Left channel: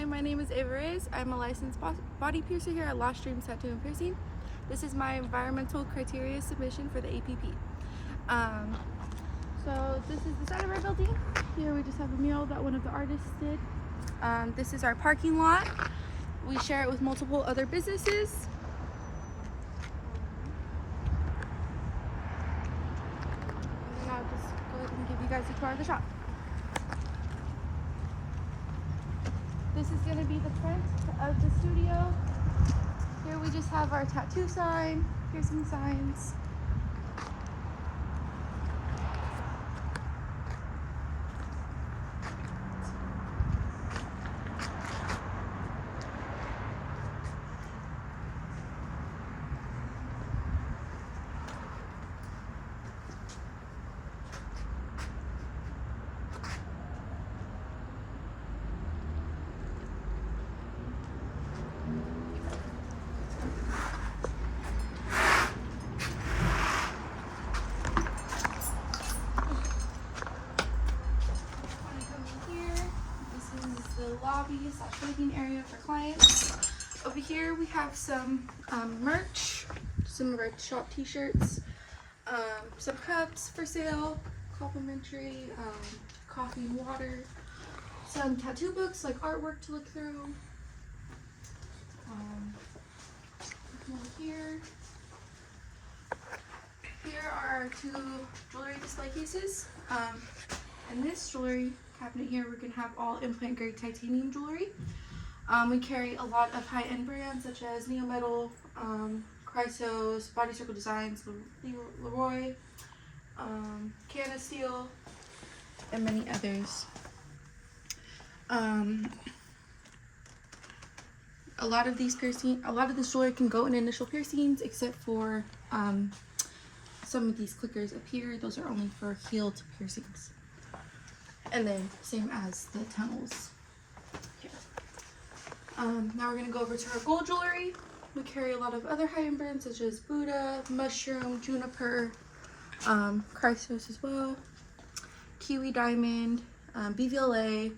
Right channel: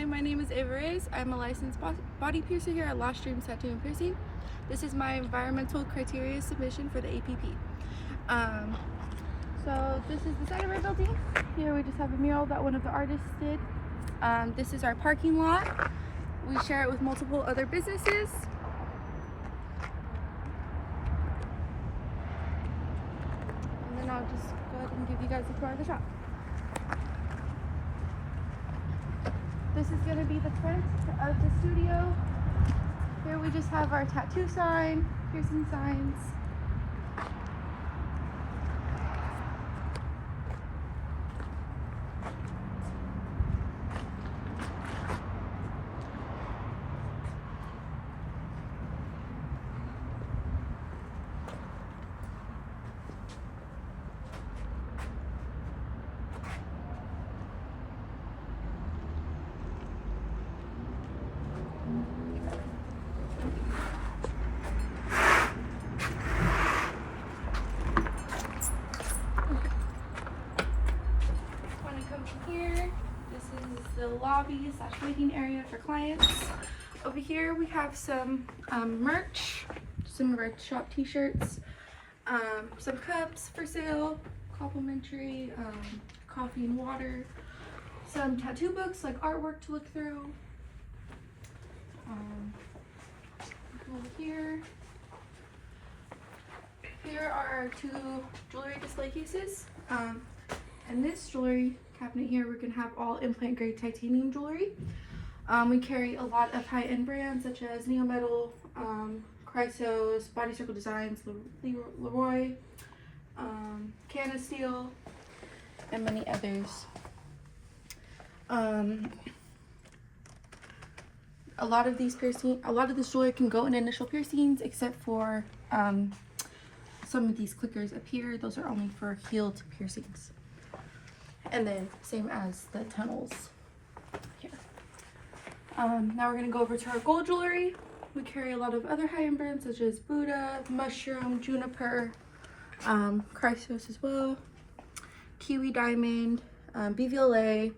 Hi, my name is Ava Reyes. I'm a licensed body piercer here at Lost Dreams Tattoo and Piercing. This is my environmental criteria submission for the APP. So this is the side of our building. Here we just have a mural that one of the artists did. This is our parking lot. We share it with multiple other businesses. And then I'll just go ahead and give you guys a tour of the shop. This is going to be the front of the studio. Here we just have our tattoo sign, piercing signs. Here, this is the lobby / waiting area for clients. Over here we have some merch, some of our shop t-shirts, some cups for sale, complimentary, coffee and water, some tattoo books like artwork to look through. Over here are our two jewelry display cases. In this jewelry cabinet here, we're going to have all implant grade titanium jewelry. We carry a lot of high-end brands such as Neo Metal, Chrysos, Body Circle Designs, Leroy, Canna Steel, and many others. A lot of this jewelry can go in initial piercings, except for some of these clickers up here. Those are only for healed piercings. And then same as the tunnels here. Now we're going to go over to our gold jewelry. We carry a lot of other high-end brands such as Buddha, Mushroom, Juniper, Chrysos as well, Kiwi Diamond, BVLA.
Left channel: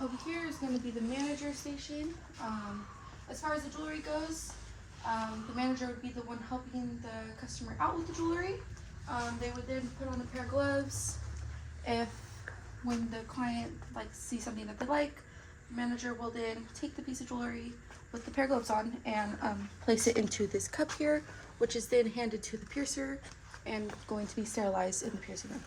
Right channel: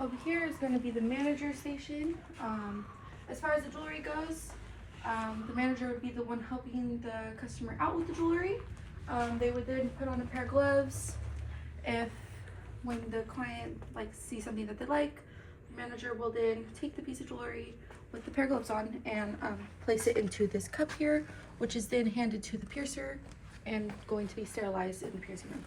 Over here is going to be the manager station. As far as the jewelry goes, the manager would be the one helping the customer out with the jewelry. They would then put on a pair of gloves. When the client sees something that they like, the manager will then take the piece of jewelry with the pair of gloves on and place it into this cup here, which is then handed to the piercer and going to be sterilized in the piercing room.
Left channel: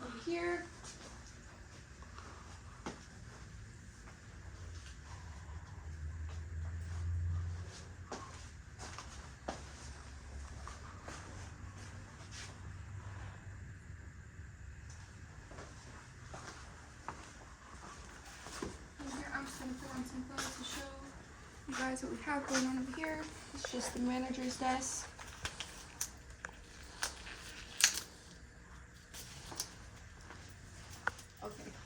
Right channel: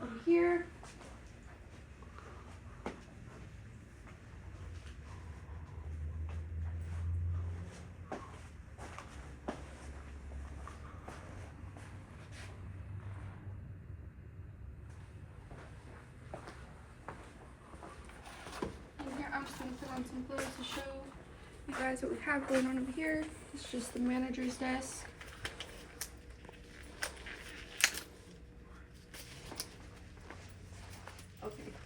Over here, I'm just going to put on some clothes to show you guys what we have going on over here. It's just the manager's desk.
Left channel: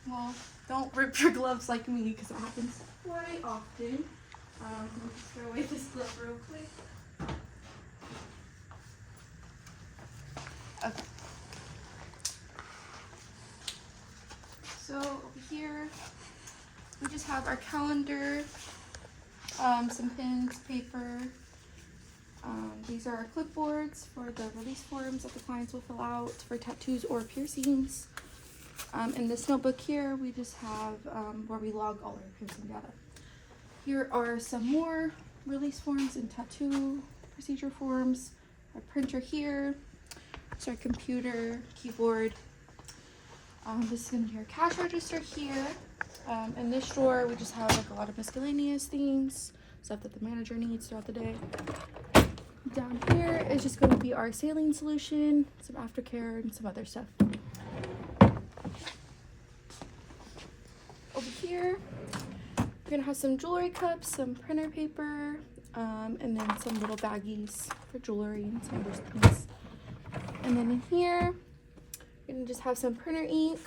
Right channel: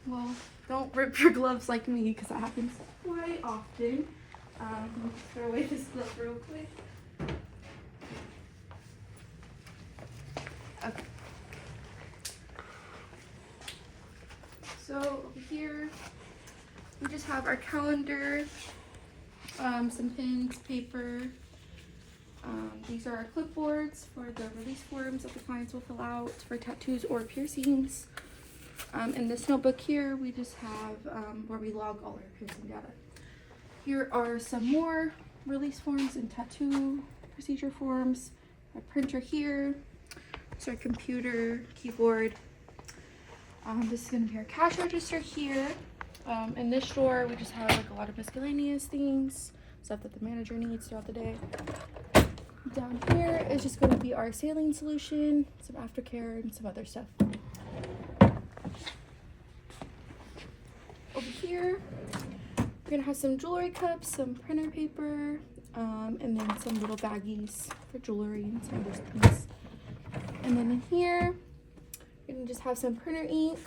Well, don't rip your gloves like me because that happens quite often. Throw away this glove real quick. Okay. So over here, we just have our calendar, some pens, paper. These are our clipboards for the release forms that the clients will fill out for tattoos or piercings. In this notebook here, we just have where we log all our piercing data. Here are some more release forms and tattoo procedure forms. A printer here. It's our computer, keyboard. This is going to be our cash register here. In this drawer, we just have a lot of miscellaneous things, stuff that the manager needs throughout the day. Down here is just going to be our saline solution, some aftercare, and some other stuff. Over here, we're gonna have some jewelry cups, some printer paper, and then some little baggies for jewelry and some other things. And then in here, And just have some printer ink.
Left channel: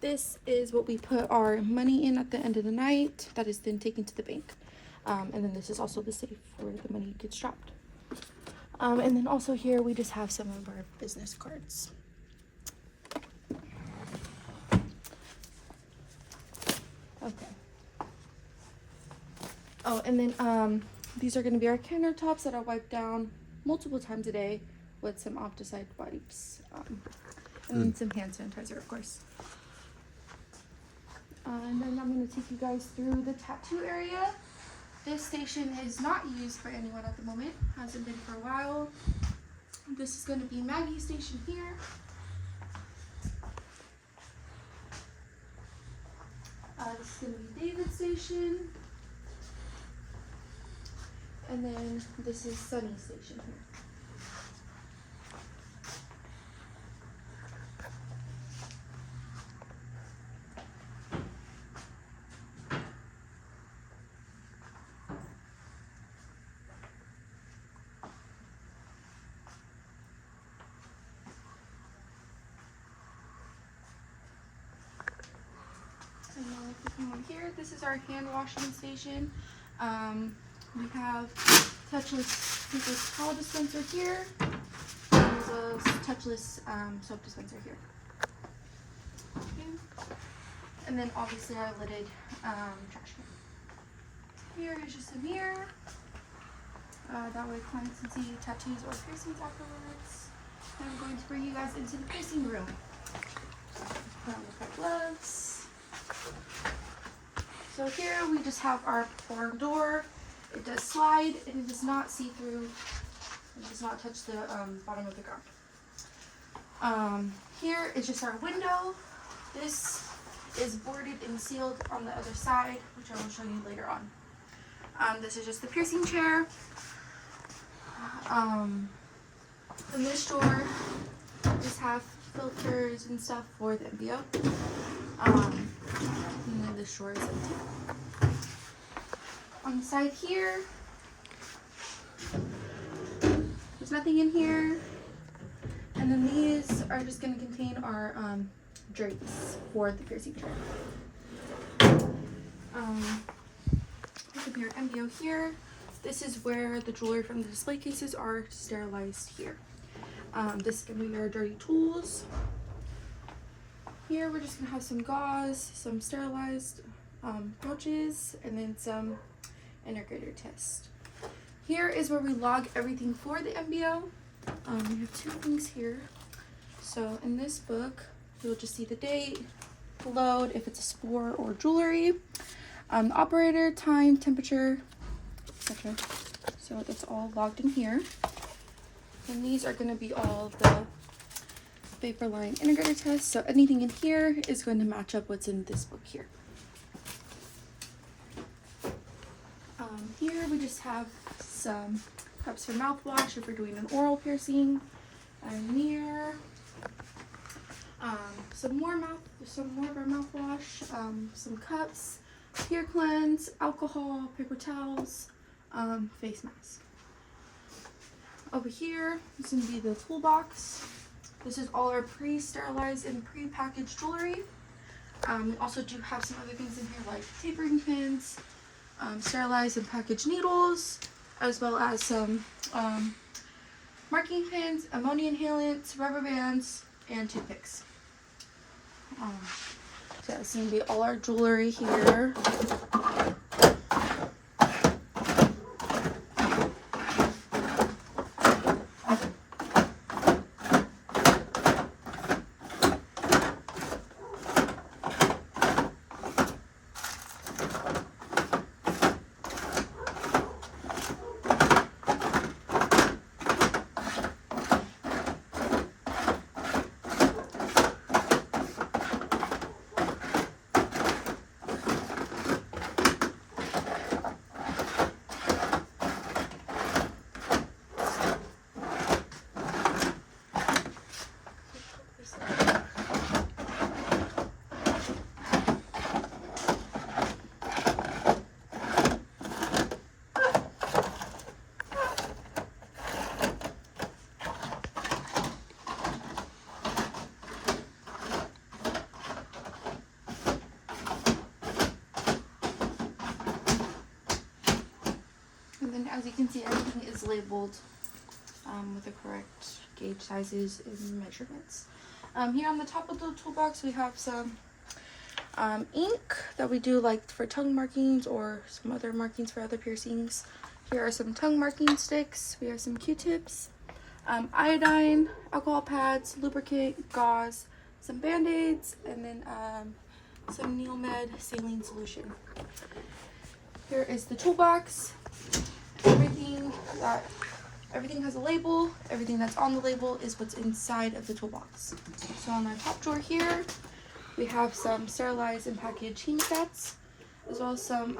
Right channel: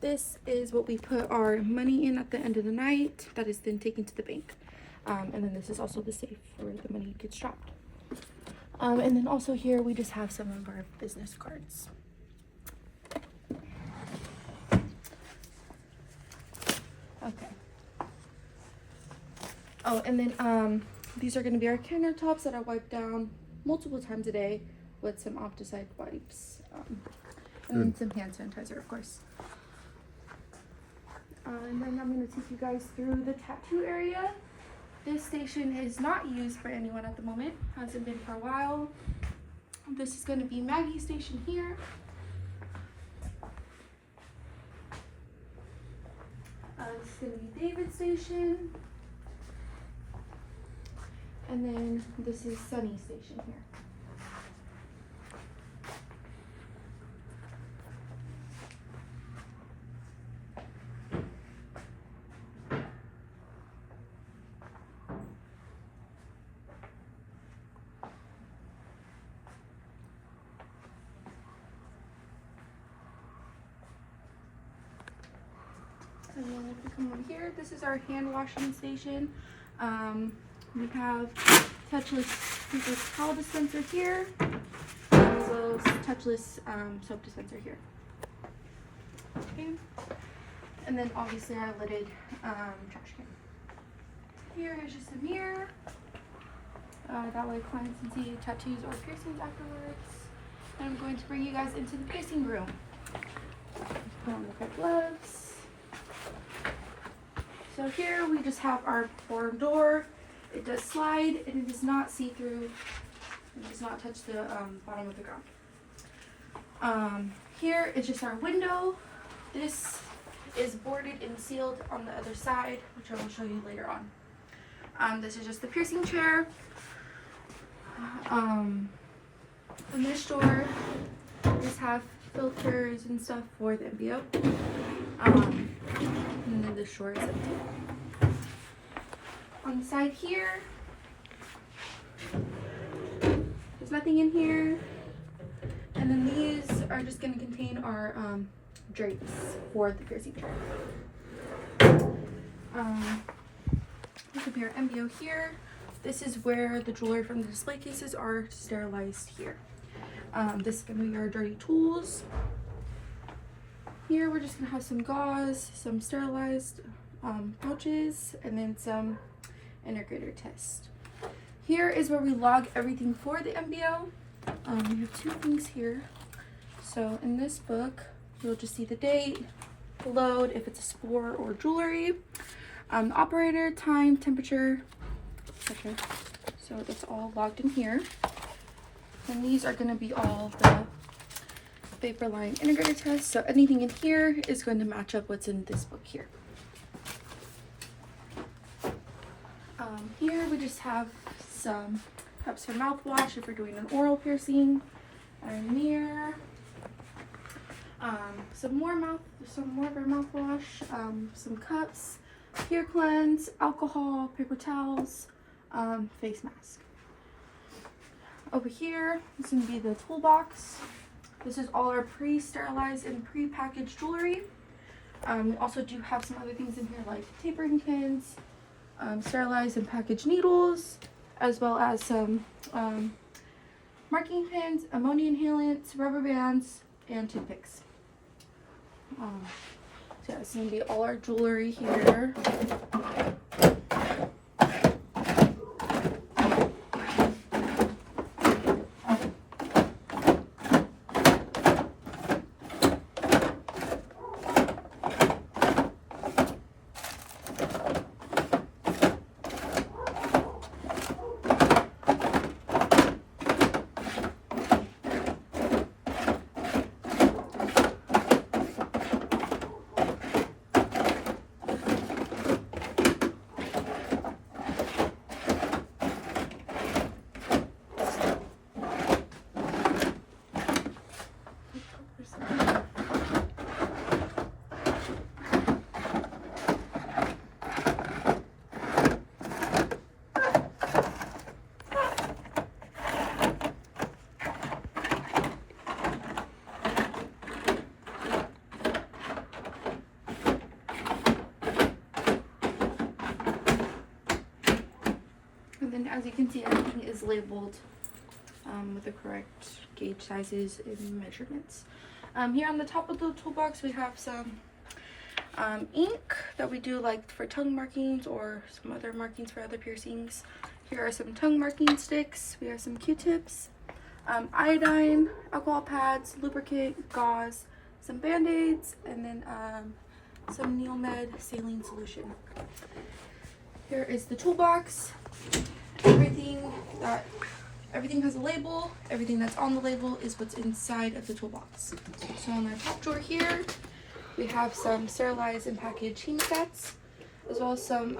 This is what we put our money in at the end of the night. That is then taken to the bank. And then this is also the safe where the money gets dropped. And then also here we just have some of our business cards. Okay. Oh, and then these are going to be our countertops that I wipe down multiple times a day with some Opticide wipes. And then some hand sanitizer, of course. And then I'm going to take you guys through the tattoo area. This station is not used by anyone at the moment. Hasn't been for a while. This is going to be Maggie's station here. This is going to be David's station. And then this is Sunny's station here. And then if we come over here, this is our hand washing station. We have touchless paper towel dispenser here, as well as touchless soap dispenser here. Okay. And then obviously our lidded trash can. Here is just a mirror. That way clients can see tattoos or piercings afterwards. And I'm going to bring you guys into the piercing room. Put on the gloves. So here we just have our forearm door. It does slide and it does not see through. It does not touch the bottom of the ground. Here is just our window. This is boarded and sealed on the other side, which I will show you later on. This is just the piercing chair. In this drawer, just have filters and stuff for the MBO. And then this drawer is empty. On the side here, there's nothing in here. And then these are just going to contain our drapes for the piercing chair. Look at your MBO here. This is where the jewelry from the display cases are sterilized here. This is going to be our dirty tools. Here we're just going to have some gauze, some sterilized pouches, and then some integrator test. Here is where we log everything for the MBO. We have two things here. So in this book, you'll just see the date, the load, if it's a spore or jewelry, the operator, time, temperature. Okay, so it's all logged in here. And these are going to be all the vapor line integrator tests. So anything in here is going to match up what's in this book here. Here we just have some cups for mouthwash if we're doing an oral piercing, a mirror, some more of our mouthwash, some cups, hair cleanse, alcohol, paper towels, face mask. Over here is going to be the toolbox. This is all our pre-sterilized and pre-packaged jewelry. We also do have some other things in here like tapering pins, sterilized and packaged needles, as well as some marking pins, ammonia inhalants, rubber bands, and toothpicks. So this is going to be all our jewelry here. you can see, everything is labeled with the correct gauge sizes and measurements. Here on the top of the toolbox, we have some ink that we do like for tongue markings or some other markings for other piercings. Here are some tongue marking sticks. We have some Q-tips, iodine, alcohol pads, lubricant, gauze, some band-aids, and then some Neomed saline solution. Here is the toolbox. Everything has a label. Everything that's on the label is what's inside of the toolbox. So on our top drawer here, we have some sterilized and packaged heat sets, as well as some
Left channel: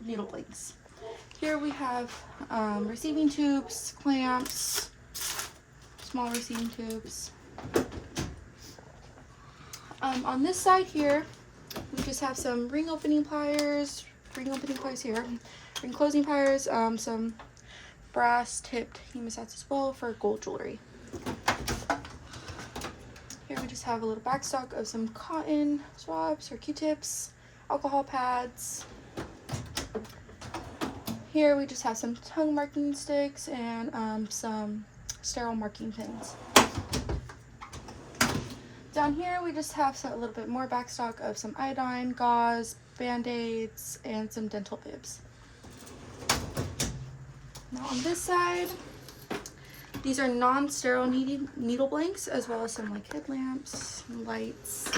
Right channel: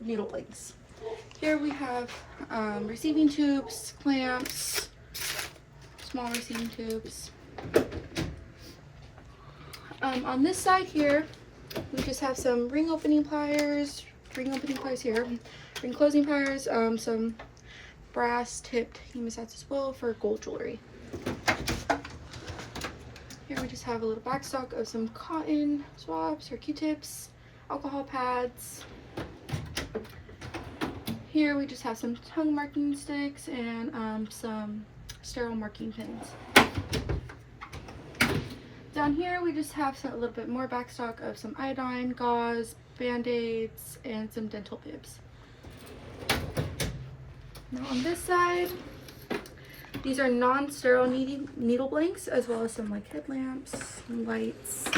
needle blanks. Here we have receiving tubes, clamps, small receiving tubes. On this side here, we just have some ring opening pliers here, ring closing pliers, some brass tipped hemostats as well for gold jewelry. Here we just have a little backstock of some cotton swabs or Q-tips, alcohol pads. Here we just have some tongue marking sticks and some sterile marking pins. Down here we just have a little bit more backstock of some iodine, gauze, band-aids, and some dental bibs. Now on this side, these are non-sterile needle blanks, as well as some like headlamps and lights.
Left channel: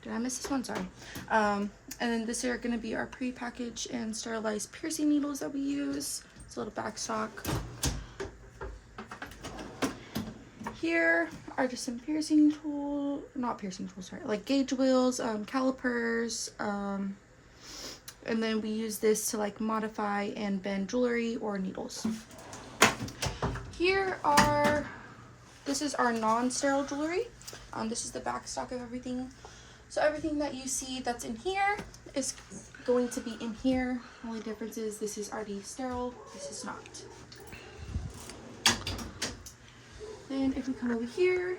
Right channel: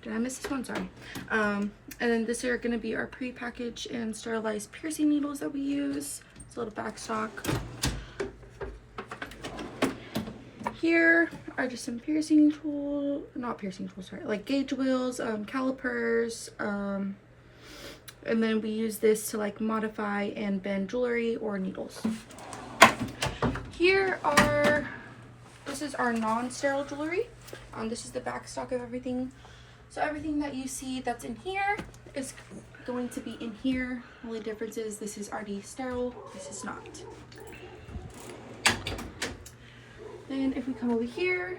Did I miss this one? Sorry. And then this are going to be our pre-packaged and sterilized piercing needles that we use. It's a little backstock. Here are just some piercing tools, not piercing tools, sorry, like gauge wheels, calipers, and then we use this to like modify and bend jewelry or needles. This is our non-sterile jewelry. This is the backstock of everything. So everything that you see that's in here is going to be in here. The only difference is this is already sterile, this is not. Then if we come over here,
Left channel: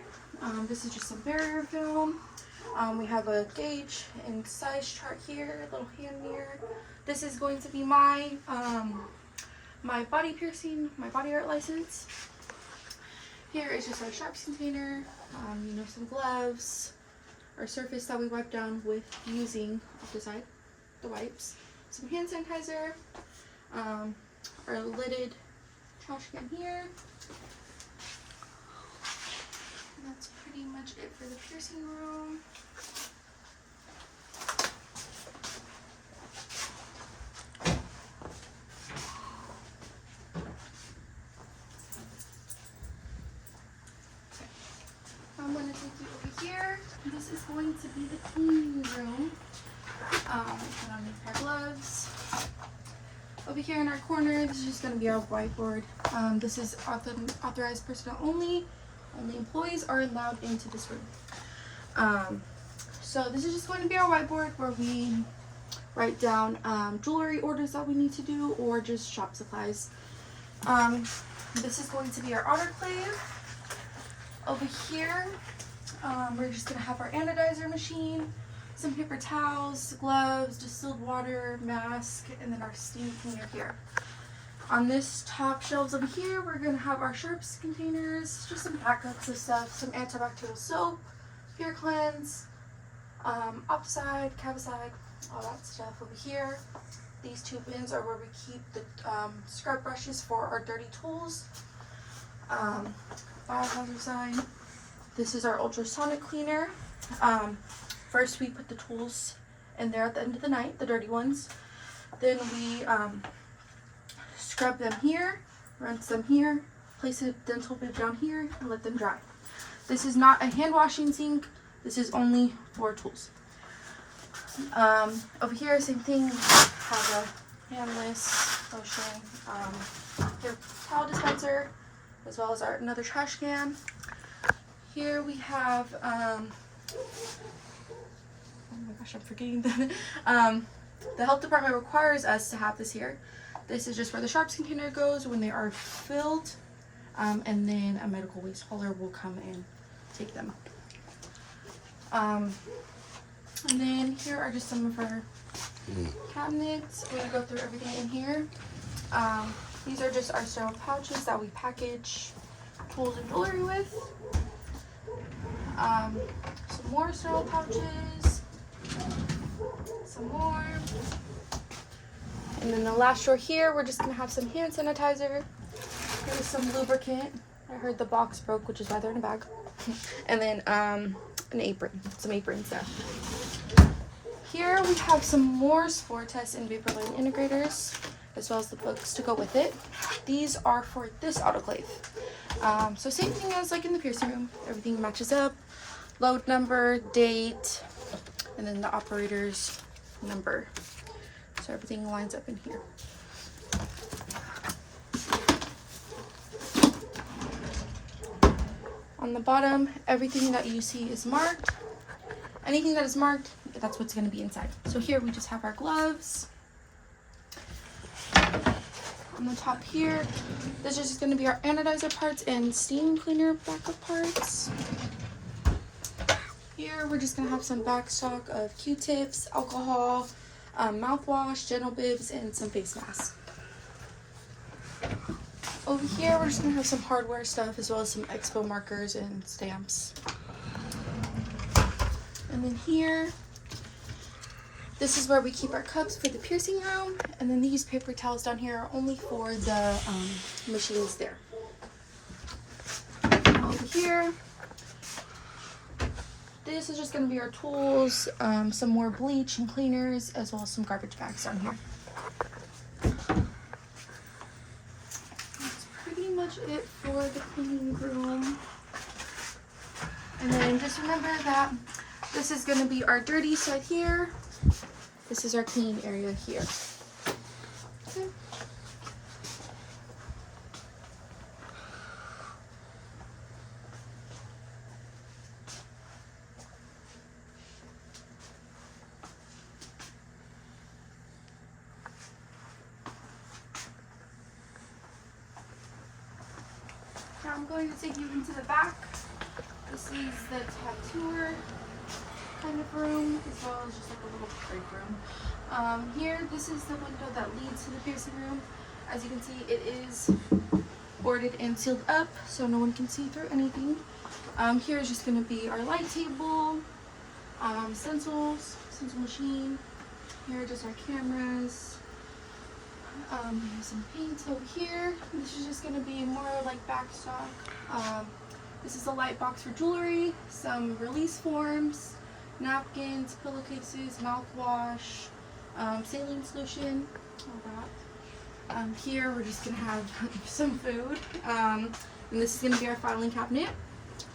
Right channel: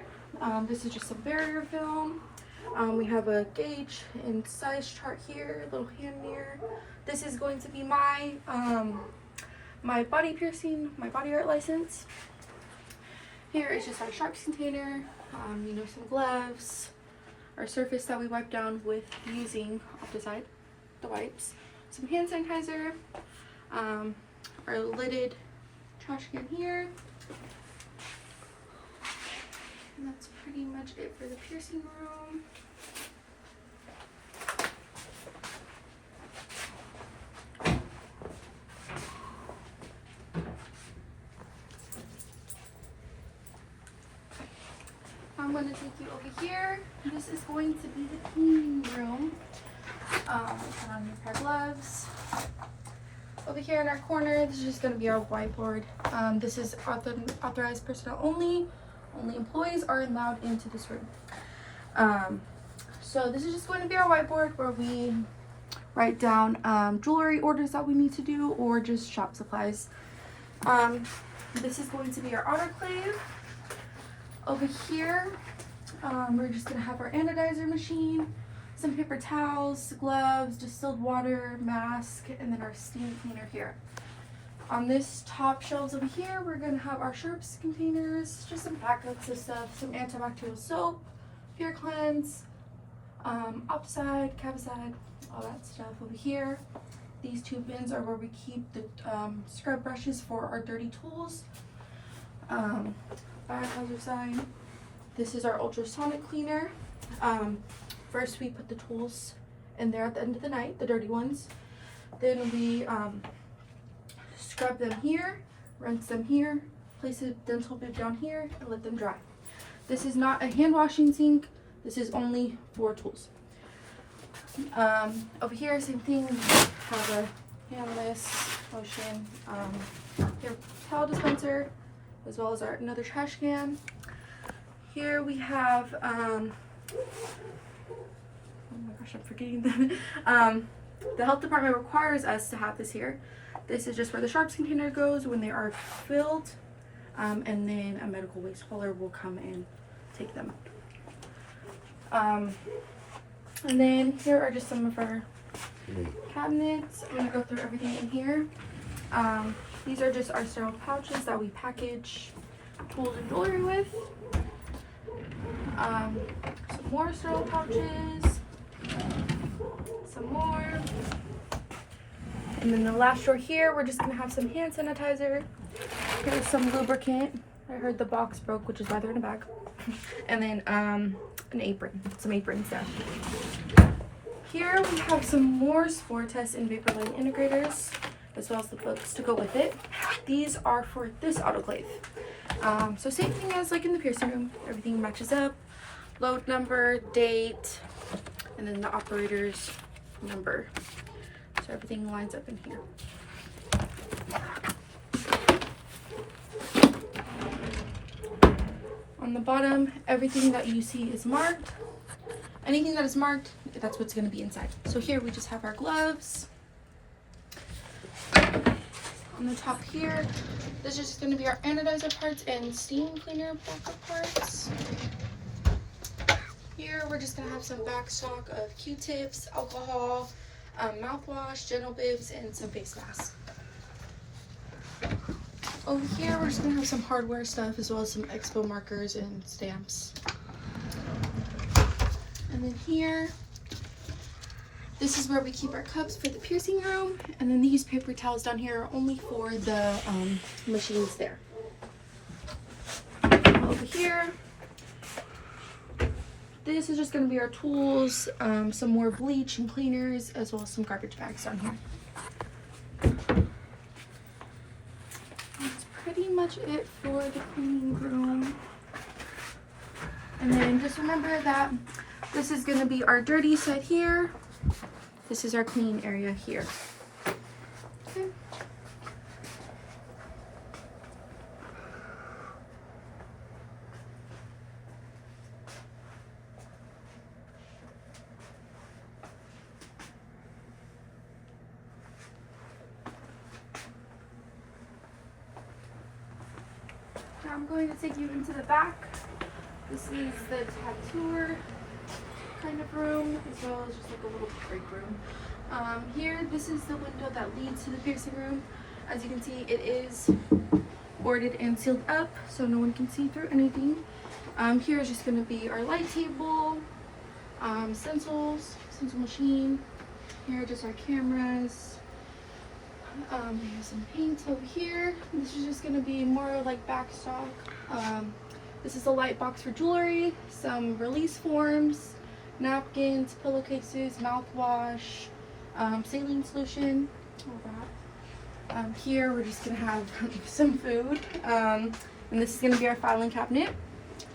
this is just some barrier film. We have a gauge and size chart here, a little hand mirror. This is going to be my my body piercing, my body art license. Here is just our sharps container, some gloves, our surface that we wipe down with using off the side, the wipes, some hand sanitizer, our lidded trash can here. And that's pretty much it for the piercing room. I'm going to take you over here. This is going to be the cleaning room. Put on these pair of gloves. Over here in our corner, this is just going to be our whiteboard. This is authorized personnel only. Only employees are allowed into this room. So this is just going to be our whiteboard where we write down jewelry orders that we need to do or just shop supplies. This is going to be our autoclave. Over here, we're just going to have our anodizer machine, some paper towels, gloves, distilled water, mask, and then our steam cleaner here. On this top shelves over here, we're going to have our sharps containers, just some backups of stuff, some antibacterial soap, Pure Cleanse, Opside, Capside, all that stuff over here. These two bins are where we keep the scrub brushes for our dirty tools. Biohazard sign. This is our ultrasonic cleaner. First we put the tools in there at the end of the night, the dirty ones. Then we scrub them here, rinse them here, place a dental bib down here, and let them dry. This is not a hand washing sink. This is only for tools. Over here, same thing. We have a handless lotion, towel dispenser, as well as another trash can. Here we have, oh my gosh, I'm forgetting that. The health department requires us to have this here. This is just where the sharps container goes when they are filled, and then a medical waste hauler will come and take them. And then here are just some of our cabinets. I'm gonna go through everything in here. These are just our sterile pouches that we package tools and jewelry with. Some more sterile pouches. Some more. And then the last drawer here, we're just gonna have some hand sanitizer. Here's some lubricant. I heard the box broke, which is why they're in a bag. And then an apron, some aprons there. Here we have some more spore tests and vapor line integrators, as well as the books to go with it. These are for this autoclave. So same thing as like in the piercing room, everything matches up. Load number, date, and then the operator's number. So everything lines up in here. On the bottom, everything that you see is marked. Anything that is marked, that's what's going to be inside. So here we just have our gloves. On the top here, this is just going to be our anodizer parts and steam cleaner backup parts. Here we're just going to have some back stock of Q-tips, alcohol, mouthwash, gentle bibs, and some face masks. Over here we're just going to have some hardware stuff as well as some expo markers and stamps. And then here, this is where we keep our cups for the piercing room. And then these paper towels down here are only for the machines there. Over here, this is just going to be our tools, some more bleach and cleaners, as well as some garbage bags on here. That's pretty much it for the cleaning room. And then just remember that this is going to be our dirty side here. This is our clean area here. Okay. Now I'm going to take you into the back. This is the tattooer kind of room, as well as just like a little break room. Here, this is the window that leads to the piercing room. As you can see, it is boarded and sealed up, so no one can see through anything. Here is just going to be our light table, stencil machine. Here are just our cameras. We have some paint over here. This is just going to be more like back stock. This is a light box for jewelry, some release forms, napkins, pillowcases, mouthwash, saline solution, all that. Here we're just gonna have some food, and this is gonna be our filing cabinet.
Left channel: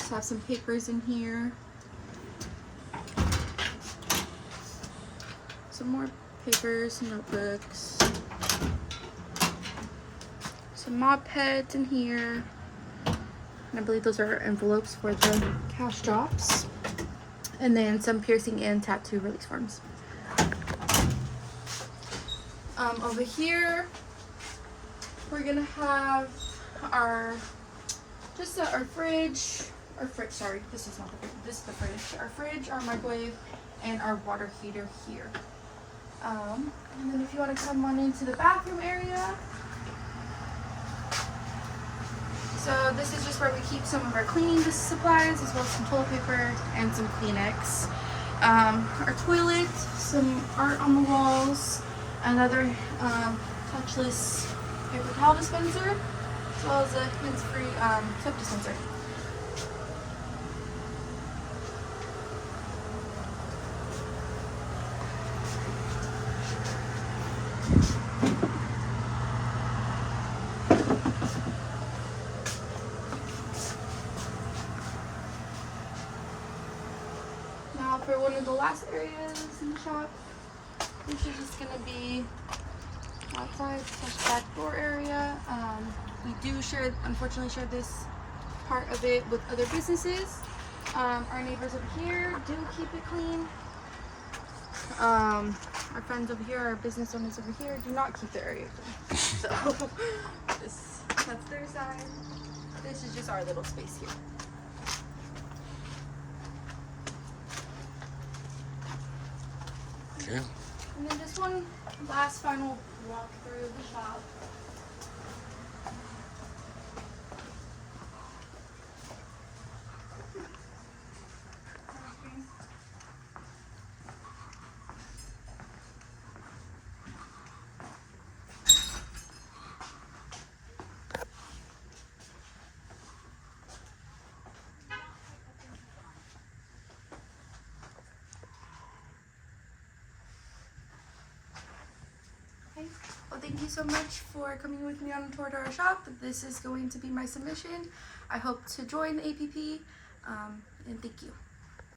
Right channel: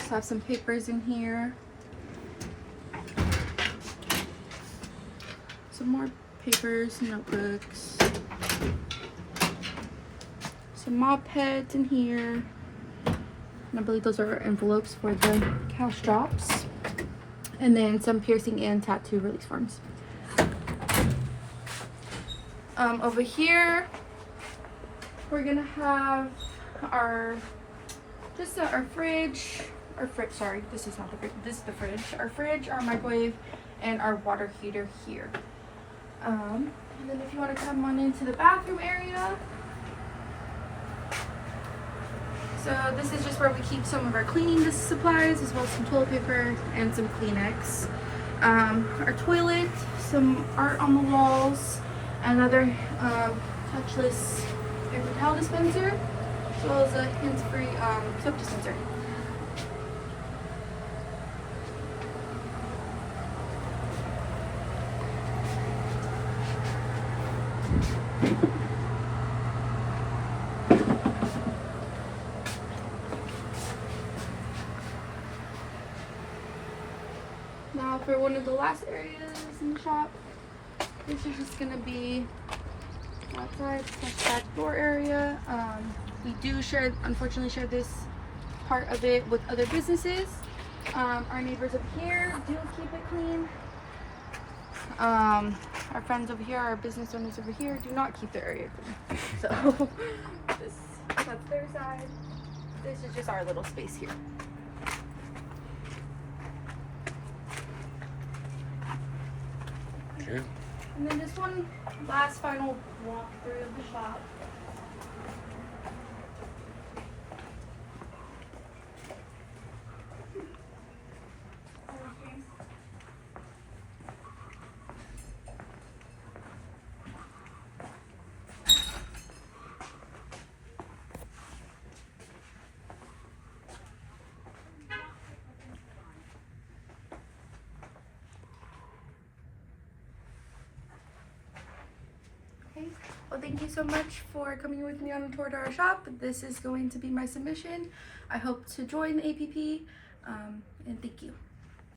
So I have some papers in here, some more papers, notebooks, some mop pads in here, and I believe those are envelopes for the cash drops. And then some piercing and tattoo release forms. Over here, we're gonna have our fridge. Sorry, this is not the fridge. This is the fridge. Our fridge, our microwave, and our water heater here. And then if you want to come on into the bathroom area. So this is just where we keep some of our cleaning supplies, as well as some toilet paper and some Kleenex. Our toilet, some art on the walls, another touchless paper towel dispenser, as well as a hands-free soap dispenser. Now for one of the last areas in the shop, this is just going to be outside / back door area. We do unfortunately share this part of it with other businesses. Our neighbors over here do keep it clean. Our friends over here, our business owners over here, do not keep their area clean. So that's their side. This is just our little space here. Okay. And then just one last final walk through the shop. Okay. Well, thank you so much for coming with me on a tour to our shop. This is going to be my submission. I hope to join the APP, and thank you.